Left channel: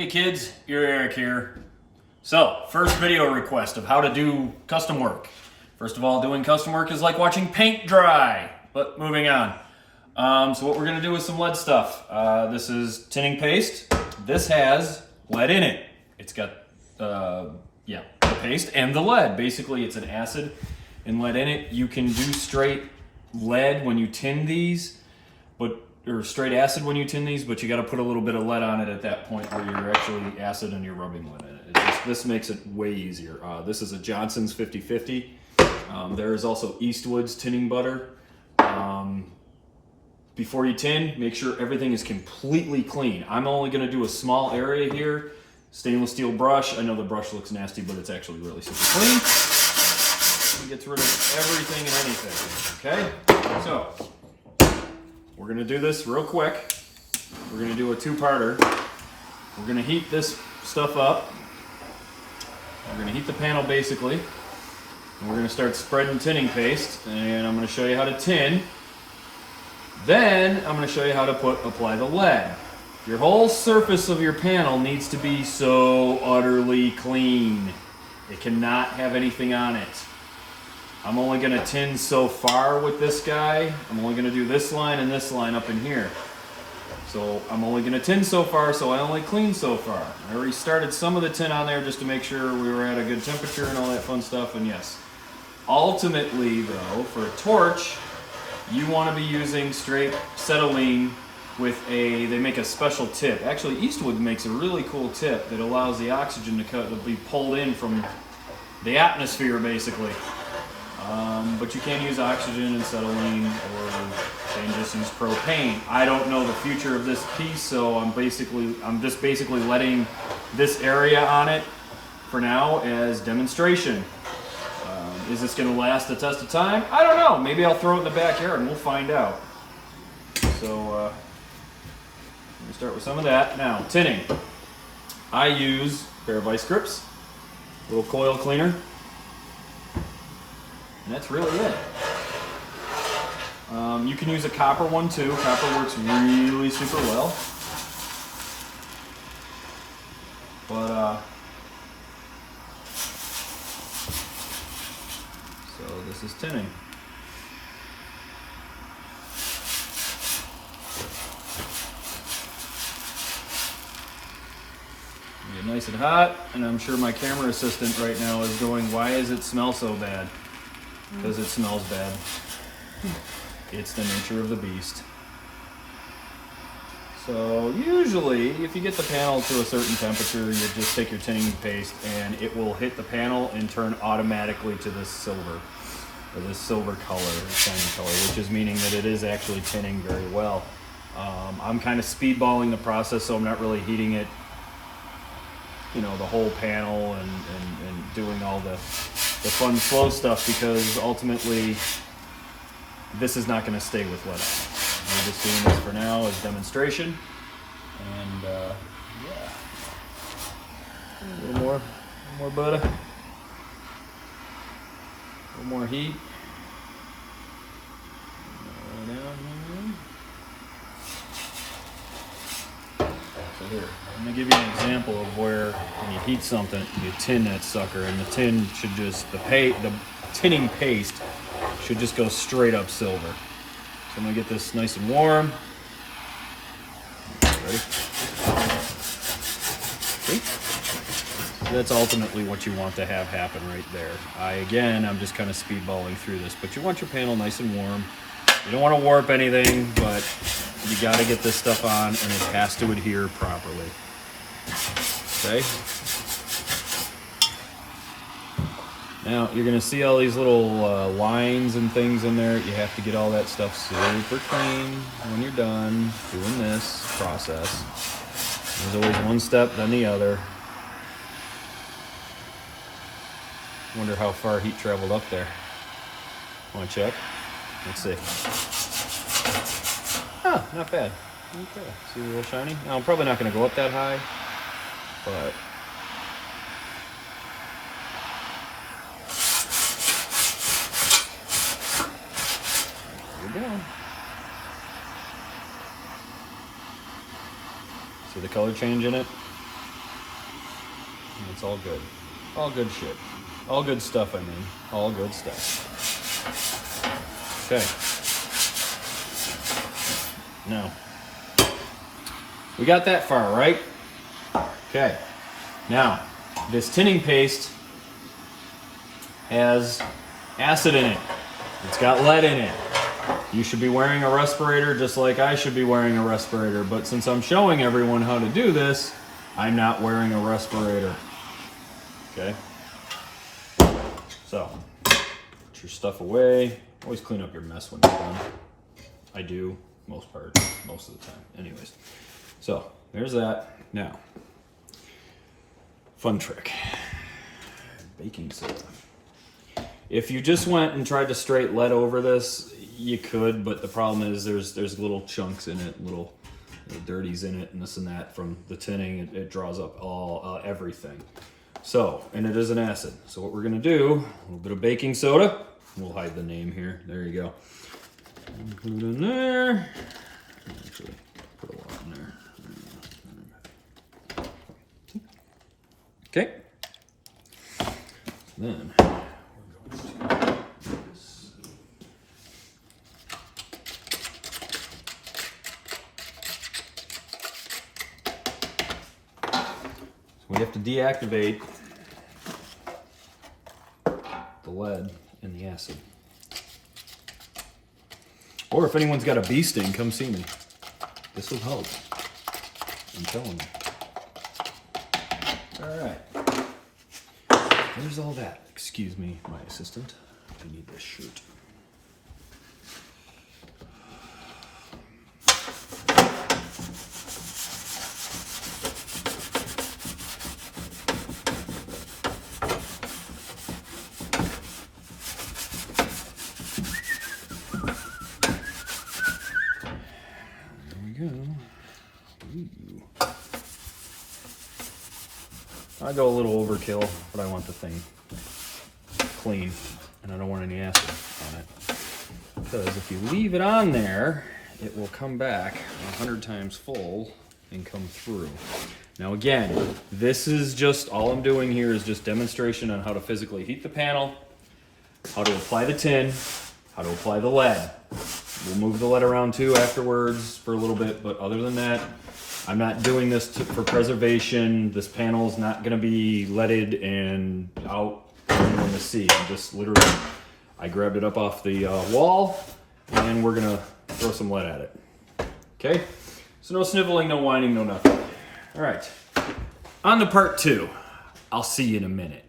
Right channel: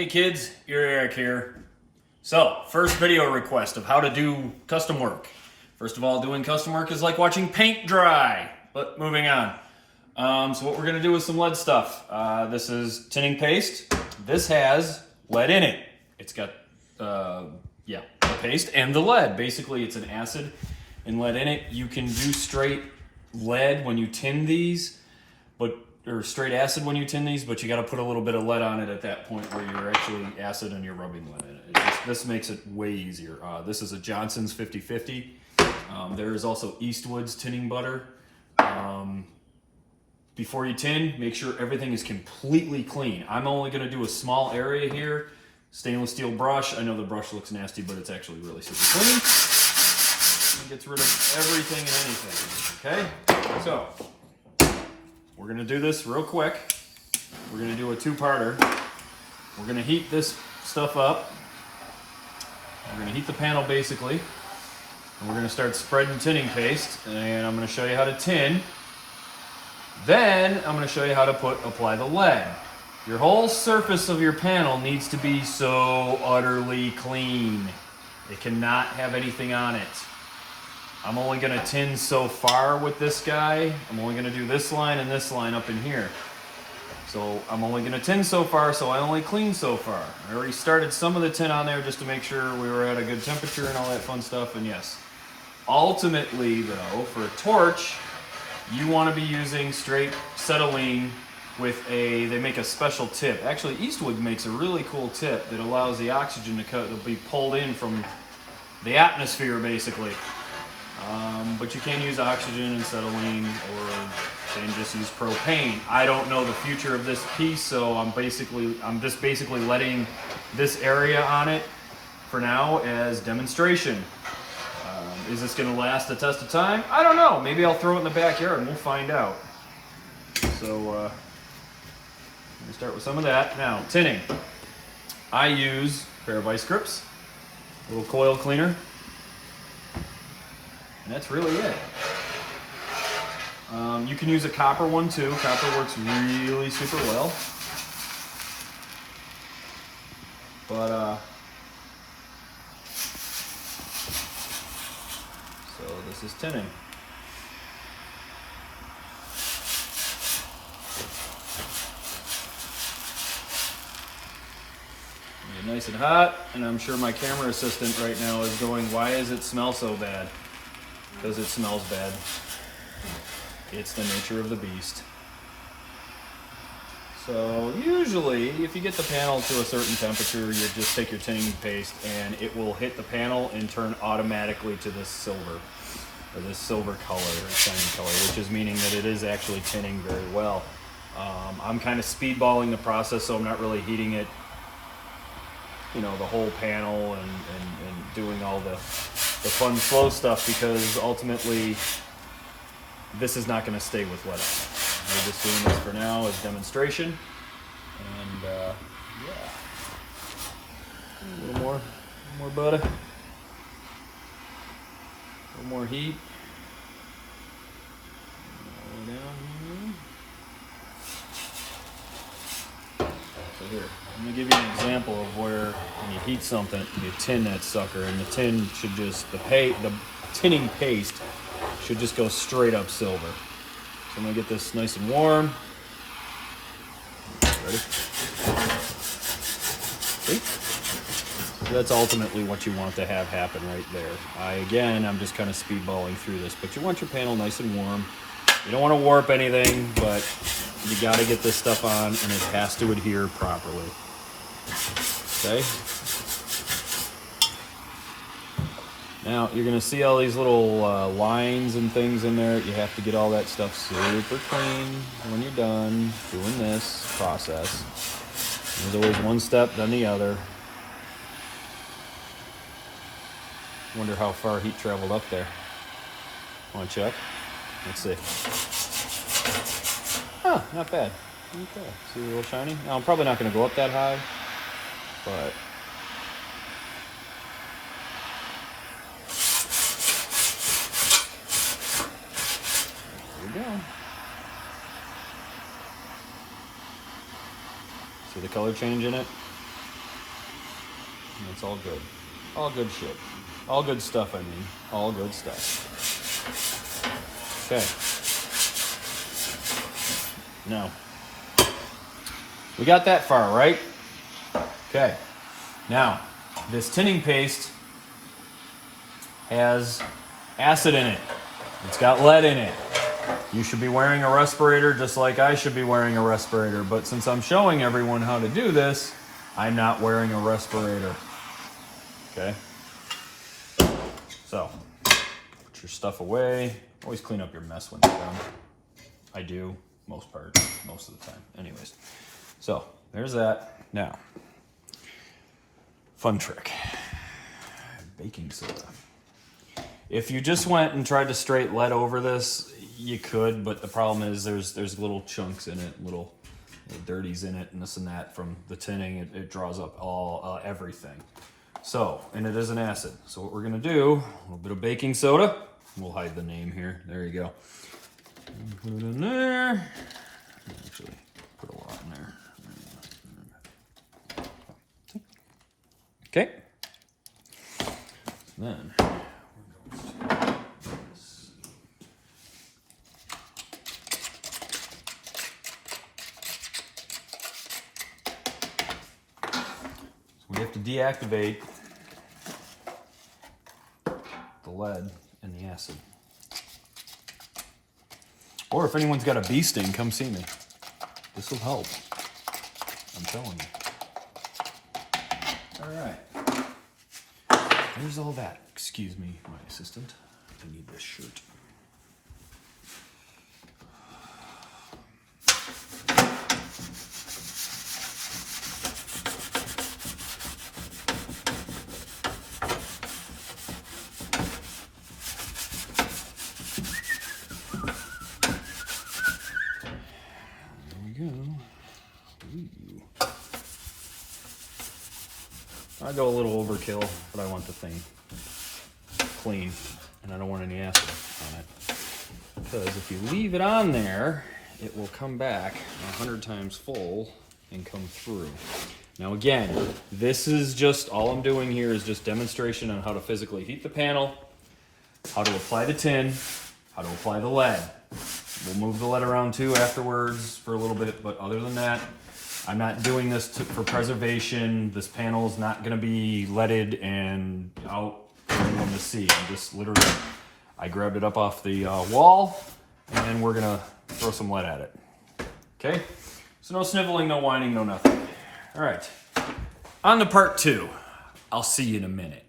Hey kids, Eerie Eric here. So, first video request of how to do custom work. First of all, doing custom work is like watching paint dry, but moving on. So what we're gonna do is some lead stuff. This is tinning paste. This has lead in it. It's got, the paste and the lead. Basically, it's an acid and lead in it. You can do straight lead when you tin these, or straight acid when you tin these, but you got to put a little bit of lead on it at that point where you're actually acid and you're rubbing lead in it. This makes it way easier. This is a Johnson's 50/50. There is also Eastwood's tinning butter. Before you tin, make sure everything is completely clean. I'm only going to do a small area here. Stainless steel brush. I know the brush looks nasty, but it's actually really super clean. It gets rid of everything and anything. Okay? So, we're gonna do this real quick. We're gonna do a two-parter. We're gonna heat this stuff up. We're gonna heat the panel basically. And we're gonna start spreading tinning paste. And I'm gonna show you how to tin. Then I'm gonna show you how to apply the lead. Your whole surface of your panel needs to be so utterly clean. It cannot have anything on it. I'm only going to tin so far with this guy. I'm only going to do this line and this line up in here. So I'm only going to tin so far, so I only clean so far. I already started some of the tin on there just to make sure we were at a good temperature and all that fun stuff, and yes. Ultimately though, for a torch, you want to be using straight acetylene with they make a special tip. Actually, Eastwood makes a really cool tip that allows the oxygen to be pulled in from the atmosphere basically. But you can use oxygen and acetylene, or you can just use propane. I don't know the future of this piece, so I'm just basically letting this area on it for now as demonstration. Is this going to last the test of time? I don't know. Maybe I'll throw it in the backyard and we'll find out. So let me start with some of that. Now, tinning. I use a pair of vice grips, a little coil cleaner. And that's really it. You can use a copper one too. Copper works really super well. But, so this is tinning. Get nice and hot, and I'm sure my camera assistant right now is going, why does it smell so bad? Because it smells bad. It's the nature of the beast. So usually, if you get the panel to a certain temperature, you just take your tinning paste and it will hit the panel and turn automatically to this silver, or this silver color, or shining color, which is meaning that it is actually tinning very well. I'm kind of speedballing the process, so I'm not really heating it, the whole panel and doing all the fun slow stuff, because ultimately this is not going to stay with lead on it. We're just doing this for now as demonstration, and a little more butter, a little more heat. Down here. So here, I'm going to give you an example of where when you heat something, you tin that sucker, and the tin should just, the tinning paste should just go straight up silver. So I'm going to get this nice and warm. Ready? See? So that's ultimately what you want to have happen right there. I'm just kind of speedballing through this, but you want your panel nice and warm. You don't want to warp anything, but you got to get this stuff on, and it has to adhere properly. Okay. Now you're going to see all these little lines and things in there. You have to get all that stuff super clean when you're done doing this process. There's always one step, then the other. Wonder how far heat traveled up there. Want to check? Let's see. Huh, not bad. Okay, see a little shiny? Now, I'm probably not going to go up that high, but here we go. See the color change in it? It's all good. All good shit. All good stuff, I mean. All good stuff. Okay. Now, we got that far, right? Okay. Now, this tinning paste has acid in it. It's got lead in it. You should be wearing a respirator just like I should be wearing a respirator. But since I'm showing everyone how to do this, I'm not wearing a respirator. Okay? So, put your stuff away. Always clean up your mess when you're done. I do, most of the time. Anyways. So, there's that. Now, fun trick. Baking soda. If you just went and tried to straight lead over this, you could, but the problem is there's little chunks in it, little dirties in it, and this and that from the tinning. It draws up everything. So, and it is an acid. So what we're gonna do, a little bit of baking soda. We'll hide the name here. There you go. Put it in there. Actually, put a lot in there. Okay. Then we have to deactivate the lead and the acid. Or if anyone's got a bee sting, come see me. This will help. I'm telling you. All right. There's all that. Excuse me, my assistant. I need this shirt. I go a little overkill, but I want the thing clean, and I don't want any acid on it. Because if you leave it on there, it will come back 100 times full and come through. Now again, this is just, all I'm doing here is just demonstration on how to physically heat the panel, how to apply the tin, how to apply the lead. We'll move the lead around too afterwards for a little bit, but other than that, I'm not doing this for preservation. This panel's not gonna be leaded and out for anyone to see. I'm just literally, I grabbed it up off the wall and we're gonna throw some lead at it. Okay? So no sniveling, no whining, no nothing. All right, on to part 2. I'll see you in a minute.